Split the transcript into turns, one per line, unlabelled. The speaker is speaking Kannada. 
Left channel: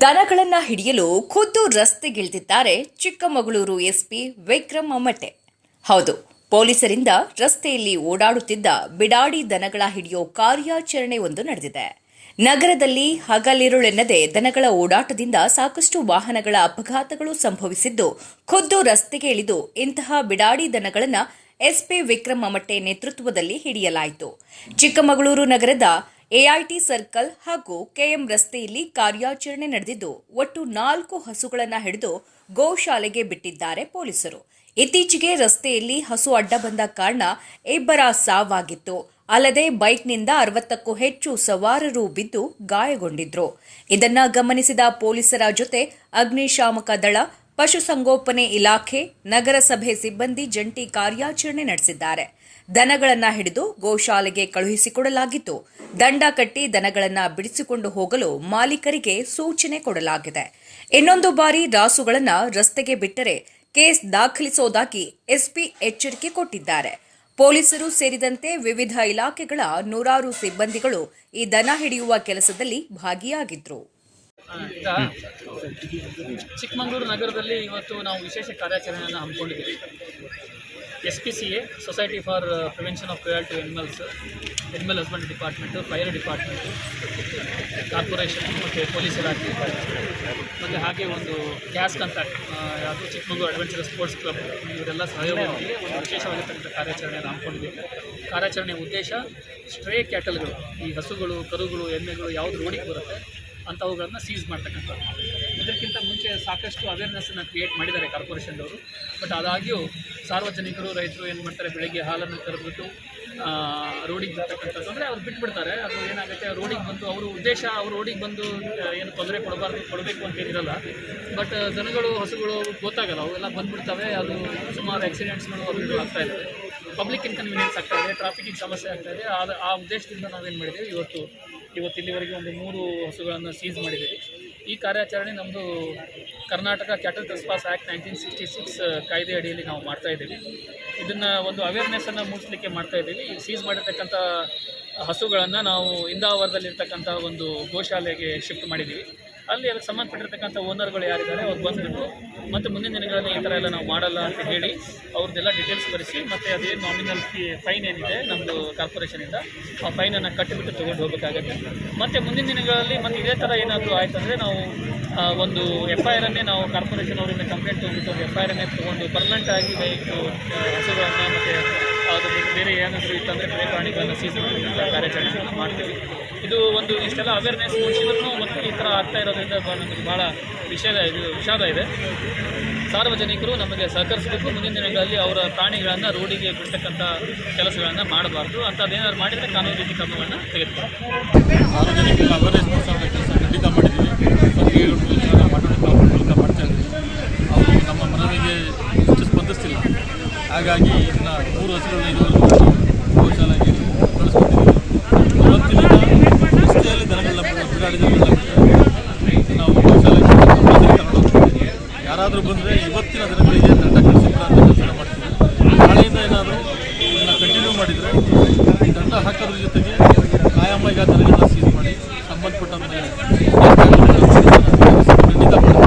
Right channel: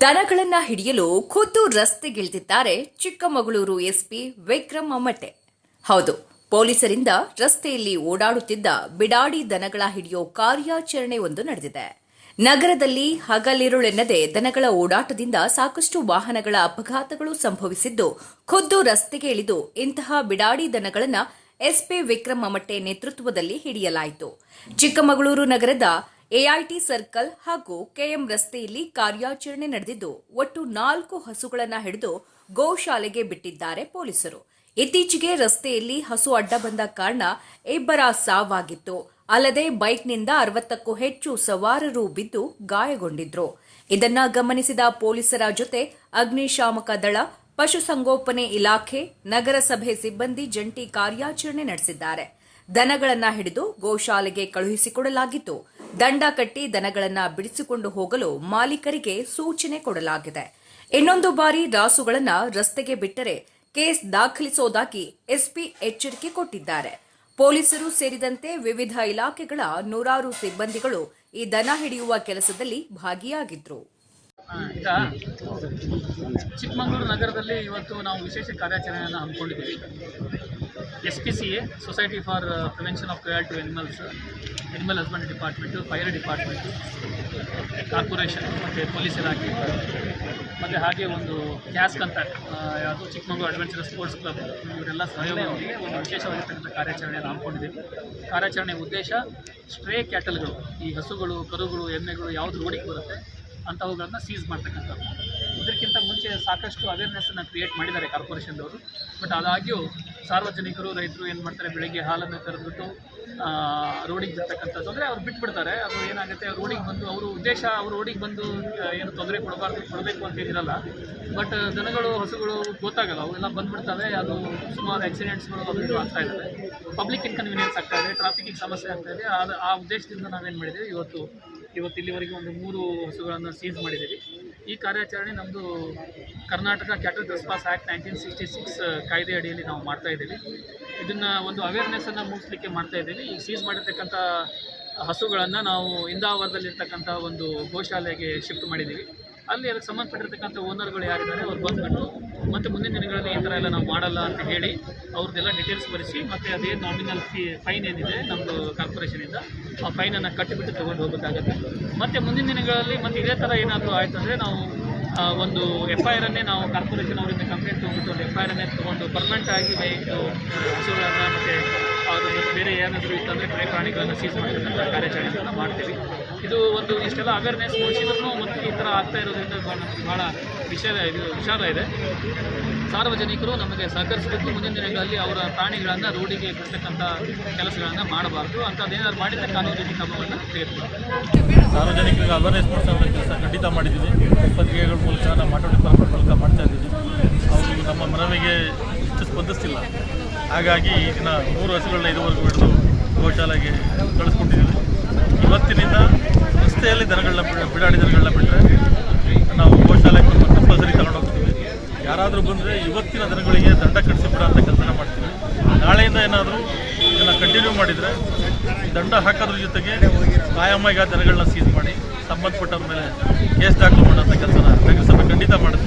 ದನಗಳನ್ನ ಹಿಡಿಯಲು ಖುದ್ದು ರಸ್ತೆಗಿಳಿದಿದ್ದಾರೆ ಚಿಕ್ಕಮಗಳೂರು ಎಸ್ಪಿ ವಿಕ್ರಮ್ ಅಮ್ಮಟೆ ಹೌದು, ಪೊಲೀಸರಿಂದ ರಸ್ತೆಯಲ್ಲಿ ಓಡಾಡುತ್ತಿದ್ದ ಬಿಡಾಡಿ ದನಗಳ ಹಿಡಿಯೋ ಕಾರ್ಯಾಚರಣೆ ಒಂದು ನಡೆದಿದೆ. ನಗರದಲ್ಲಿ ಹಗಲಿರುಳೆನ್ನದೆ ದನಗಳ ಓಡಾಟದಿಂದ ಸಾಕಷ್ಟು ವಾಹನಗಳ ಅಪಘಾತಗಳು ಸಂಭವಿಸಿದ್ದು, ಖುದ್ದು ರಸ್ತೆಗೆ ಇಳಿದು ಇಂತಹ ಬಿಡಾಡಿ ದನಗಳನ್ನ ಎಸ್ಪಿ ವಿಕ್ರಮ ಮಟ್ಟೆ ನೇತೃತ್ವದಲ್ಲಿ ಹಿಡಿಯಲಾಯಿತು. ಚಿಕ್ಕಮಗಳೂರು ನಗರದ ಎಐಟಿ ಸರ್ಕಲ್ ಹಾಗೂ ಕೆಎಂ ರಸ್ತೆಯಲ್ಲಿ ಕಾರ್ಯಾಚರಣೆ ನಡೆದಿದ್ದು, ಒಟ್ಟು ನಾಲ್ಕು ಹಸುಗಳನ್ನು ಹಿಡಿದು ಗೋಶಾಲೆಗೆ ಬಿಟ್ಟಿದ್ದಾರೆ ಪೊಲೀಸರು. ಇತ್ತೀಚೆಗೆ ರಸ್ತೆಯಲ್ಲಿ ಹಸು ಅಡ್ಡ ಬಂದ ಕಾರಣ ಇಬ್ಬರ ಸಾವಾಗಿತ್ತು. ಅಲ್ಲದೆ ಬೈಕ್ನಿಂದ ಅರವತ್ತಕ್ಕೂ ಹೆಚ್ಚು ಸವಾರರು ಬಿದ್ದು ಗಾಯಗೊಂಡಿದ್ರು. ಇದನ್ನ ಗಮನಿಸಿದ ಪೊಲೀಸರ ಜೊತೆ ಅಗ್ನಿಶಾಮಕ ದಳ ಪಶುಸಂಗೋಪನೆ ಇಲಾಖೆ ನಗರಸಭೆ ಸಿಬ್ಬಂದಿ ಜಂಟಿ ಕಾರ್ಯಾಚರಣೆ ನಡೆಸಿದ್ದಾರೆ. ದನಗಳನ್ನು ಹಿಡಿದು ಗೋಶಾಲೆಗೆ ಕಳುಹಿಸಿಕೊಡಲಾಗಿತ್ತು. ದಂಡ ಕಟ್ಟಿ ದನಗಳನ್ನು ಬಿಡಿಸಿಕೊಂಡು ಹೋಗಲು ಮಾಲೀಕರಿಗೆ ಸೂಚನೆ ಕೊಡಲಾಗಿದೆ. ಇನ್ನೊಂದು ಬಾರಿ ರಾಸುಗಳನ್ನು ರಸ್ತೆಗೆ ಬಿಟ್ಟರೆ ಕೇಸ್ ದಾಖಲಿಸೋದಾಗಿ ಎಸ್ಪಿ ಎಚ್ಚರಿಕೆ ಕೊಟ್ಟಿದ್ದಾರೆ. ಪೊಲೀಸರು ಸೇರಿದಂತೆ ವಿವಿಧ ಇಲಾಖೆಗಳ ನೂರಾರು ಸಿಬ್ಬಂದಿಗಳು ಈ ದನ ಹಿಡಿಯುವ ಕೆಲಸದಲ್ಲಿ ಭಾಗಿಯಾಗಿದ್ರು.
ಆ, ಈಗ ಚಿಕ್ಕಮಗಳೂರು ನಗರದಲ್ಲಿ ಇವತ್ತು ನಾವು ವಿಶೇಷ ಕಾರ್ಯಾಚರಣೆಯನ್ನು ಹಮ್ಮಿಕೊಂಡಿದ್ದೀವಿ. S P C A society for prevention of cruelty to animals animal husband department fire department corporation ಮತ್ತು ಪೊಲೀಸ್ ಇಲಾಖೆ ಮತ್ತು ಹಾಗೆ ಒಂದು ಗ್ಯಾಸ್ ಅಂತ ಯಾವುದು ಚಿಕ್ಕಮಗಳೂರು ಅಡ್ವೆಂಚರ್ ಸ್ಪೋರ್ಟ್ಸ್ ಕ್ಲಬ್ ಇವರೆಲ್ಲ ಸಹಯೋಗದೊಂದಿಗೆ ಒಂದು ವಿಶೇಷವಾಗಿರ್ತಕ್ಕಂಥ ಕಾರ್ಯಾಚರಣೆಯನ್ನು ಹಮ್ಮಿಕೊಂಡಿದ್ದೀವಿ. ಕಾರ್ಯಾಚರಣೆಯ ಉದ್ದೇಶ ಸ್ಟ್ರೇ ಕ್ಯಾಟಲ್ಗಳು, ಈ ಹಸುಗಳು, ಕರುಗಳು, ಎಮ್ಮೆಗಳು ಯಾವುದು ರೋಡಿಗೆ ಬರುತ್ತೆ ಅಂಥವುಗಳನ್ನು ಸೀಸ್ ಮಾಡ್ತಕ್ಕಂಥದ್ದು. ಇದಕ್ಕಿಂತ ಮುಂಚೆ ಸಾಕಷ್ಟು ಅವೇರ್ನೆಸ್ಸನ್ನು ಕ್ರಿಯೇಟ್ ಮಾಡಿದ್ದಾರೆ ಕಾರ್ಪೊರೇಷನ್ದವರು ಬಟ್ ಆದಾಗ್ಯೂ ಸಾರ್ವಜನಿಕರು, ರೈತರು ಏನು ಮಾಡ್ತಾರೆ? ಬೆಳಗ್ಗೆ ಹಾಲನ್ನು ಕರೆದ್ಬಿಟ್ಟು ರೋಡಿಗೆ ಬರ್ತಕ್ಕಂಥದ್ದು. ಅಂದರೆ ಅವ್ರು ಬಿಟ್ಬಿಡ್ತಾರೆ. ಅದು ಏನಾಗುತ್ತೆ? ರೋಡಿಗೆ ಬಂದು ಅವರು ಉದ್ದೇಶ ಅವರು ರೋಡಿಗೆ ಬಂದು ಏನು ತೊಂದರೆ ಕೊಡಬಾರ್ದು, ಕೊಡಬೇಕು ಅಂತೇನಿರಲ್ಲ ಬಟ್ ದನಗಳು ಹಸುಗಳು ಗೊತ್ತಾಗಲ್ಲ. ಅವೆಲ್ಲ ಬಂದ್ಬಿಡ್ತವೆ. ಅದು ಸುಮಾರು ಆಕ್ಸಿಡೆಂಟ್ಸ್ಗಳು ಅದು ಇದು ಆಗ್ತಾ ಪಬ್ಲಿಕ್ ಇನ್ಕನ್ವೀನಿಯನ್ಸ್ ಆಗ್ತಾ ಇದೆ. ಟ್ರಾಫಿಕ್ಕಿಗೆ ಸಮಸ್ಯೆ ಆಗ್ತಾ ಇದೆ. ಆ ಉದ್ದೇಶದಿಂದ ನಾವೇನು ಮಾಡಿದ್ದೀವಿ? ಇವತ್ತು ಇವತ್ತು ಇಲ್ಲಿವರೆಗೆ ಒಂದು ಮೂರು ಹಸುಗಳನ್ನು ಸೀಸ್ ಮಾಡಿದ್ದೀವಿ. ಈ ಕಾರ್ಯಾಚರಣೆ ನಮ್ಮದು Karnataka cattle trespass act nineteen sixty six ಕಾಯ್ದೆ ಅಡಿಯಲ್ಲಿ ನಾವು ಮಾಡ್ತಾ ಇದ್ದೀವಿ. ಇದನ್ನು ಒಂದು ಅವೇರ್ನೆಸ್ಸನ್ನು ಮೂಡಿಸಲಿಕ್ಕೆ ಮಾಡ್ತಾ ಇದ್ದೀವಿ. ಈ ಸೀಸ್ ಮಾಡಿರ್ತಕ್ಕಂಥ ಹಸುಗಳನ್ನು ನಾವು ಇಂದಾವರದಲ್ಲಿರ್ತಕ್ಕಂಥ ಒಂದು ಗೋಶಾಲೆಗೆ ಶಿಫ್ಟ್ ಮಾಡಿದ್ದೀವಿ. ಅಲ್ಲಿ ಅದಕ್ಕೆ ಸಂಬಂಧಪಟ್ಟಿರ್ತಕ್ಕಂಥ ಓನರ್ಗಳು ಯಾರಿದ್ದಾರೆ, ಅವ್ರು ಬಂದುಬಿಟ್ಟು ಮತ್ತು ಮುಂದಿನ ದಿನಗಳಲ್ಲಿ ಈ ಥರ ಎಲ್ಲ ನಾವು ಮಾಡಲ್ಲ ಅಂತ ಹೇಳಿ ಅವ್ರದ್ದೆಲ್ಲ ಡೀಟೇಲ್ಸ್ ಬರೆಸಿ ಮತ್ತು ಅದೇನು ನಾಮಿನಲ್ ಫೀ ಫೈನ್ ಏನಿದೆ ನಮ್ಮದು ಕಾರ್ಪೊರೇಷನಿಂದ ಆ ಫೈನನ್ನು ಕಟ್ಟಿಬಿಟ್ಟು ತೊಗೊಂಡು ಹೋಗಬೇಕಾಗತ್ತೆ. ಮತ್ತು ಮುಂದಿನ ದಿನಗಳಲ್ಲಿ ಮತ್ತು ಇದೇ ಥರ ಏನಾದರೂ ಆಯಿತು ಅಂದರೆ ನಾವು ಒಂದು ಎಫ್ ಐ ಆರನ್ನೇ ನಾವು ಕಾರ್ಪೊರೇಷನ್ ಅವರಿಂದ ಕಂಪ್ಲೇಂಟ್ ತೊಗೊಂಡ್ಬಿಟ್ಟು ಒಂದು ಎಫ್ ಐ ಆರನ್ನೇ ತೊಗೊಂಡು ಪರ್ಮನೆಂಟ್ ಆಗಿ ಹಸುಗಳನ್ನು ಮತ್ತು ಅದು ಬೇರೆ ಏನಾದರೂ ಇತ್ತಂದರೆ ಬೇರೆ ಪ್ರಾಣಿಗಳನ್ನು ಸೀಸ್ ಮಾಡ್ತಕ್ಕಂಥ ಕಾರ್ಯಾಚರಣೆಗಳನ್ನು ಮಾಡ್ತೀವಿ. ಇದು ಒಂದು ಇಷ್ಟೆಲ್ಲ ಅವೇರ್ನೆಸ್ ಮೂಡಿಸಿದ್ರು ಮತ್ತು ಈ ಥರ ಆಗ್ತಾ ಇರೋದ್ರಿಂದ ನಮಗೆ ಭಾಳ ವಿಷಾದ ಇದು ವಿಷಾದ ಇದೆ. ಸಾರ್ವಜನಿಕರು ನಮಗೆ ಸಹಕರಿಸಬೇಕು. ಮುಂದಿನ ದಿನಗಳಲ್ಲಿ ಅವರ ಪ್ರಾಣಿಗಳನ್ನು ರೋಡಿಗೆ ಬಿಡ್ತಕ್ಕಂಥ ಕೆಲಸಗಳನ್ನು ಮಾಡಬಾರ್ದು. ಅಂಥದ್ದೇನಾದ್ರು ಮಾಡಿದರೆ ಕಾನೂನು ರೀತಿ ಕ್ರಮಗಳನ್ನು ತೆಗೆದುಕೊಳ್ಳಿ
ಸಾರ್ವಜನಿಕರಿಗೆ ಅವೇರ್ನೆಸ್ ಮೂಡಿಸೋಂಥ ಕೆಲಸ ಖಂಡಿತ ಮಾಡಿದ್ದೀವಿ. ಪತ್ರಿಕೆಗಳ ಮೂಲಕ ಡಿಪಾರ್ಟ್ಮೆಂಟ್ ಮೂಲಕ ಮಾಡ್ತಾ ಇದ್ದೀವಿ. ಅವರು ನಮ್ಮ ಮನವಿಗೆ ಹೆಚ್ಚು ಸ್ಪಂದಿಸ್ತಿಲ್ಲ. ಹಾಗಾಗಿ ಇದನ್ನ ಮೂರು ಹಸುಗಳನ್ನ ಇದುವರೆಗೂ ಬೆಳೆದು ಗೋಶಾಲೆಗೆ ಕಳಿಸ್ಕೊಟ್ಟಿದ್ದೀವಿ. ಇವತ್ತಿನಿಂದ ರಸ್ತೆಯಲ್ಲಿ ದನಗಳನ್ನ ಬಿಡ- ಬಿಡಾಡಿ ದನಗಳನ್ನ ಬಿಟ್ಟರೆ ನಾವು ಗೋಶಾಲೆಗೆ ಕಂಪಲ್ಸರಿ ತಗೊಂಡು ಹೋಗ್ತೀವಿ. ಯಾರಾದರೂ ಬಂದರೆ ಇವತ್ತಿನ ದಿನಗಳಿಗೆ ದಂಡ ಕಟ್ಟಿಸಿ ಬಿಡೋ ಅಂತ ಕೆಲಸನ ಮಾಡ್ತೀವಿ. ನಾಳೆಯಿಂದ ಏನಾದರೂ ಇದನ್ನು ಕಂಟಿನ್ಯೂ ಮಾಡಿದರೆ ದಂಡ ಹಾಕೋದ್ರ ಜೊತೆಗೆ ಕಾಯಮ್ಮ ಆ ದನಗಳನ್ನ ಸೀಸ್ ಮಾಡಿ ಸಂಬಂಧಪಟ್ಟವ್ರ ಮೇಲೆ ಕೇಸ್ ಮಾಡೋಂಥ ಕೆಲಸನ ಖಂಡಿತ ಮಾಡ್ತೀವಿ.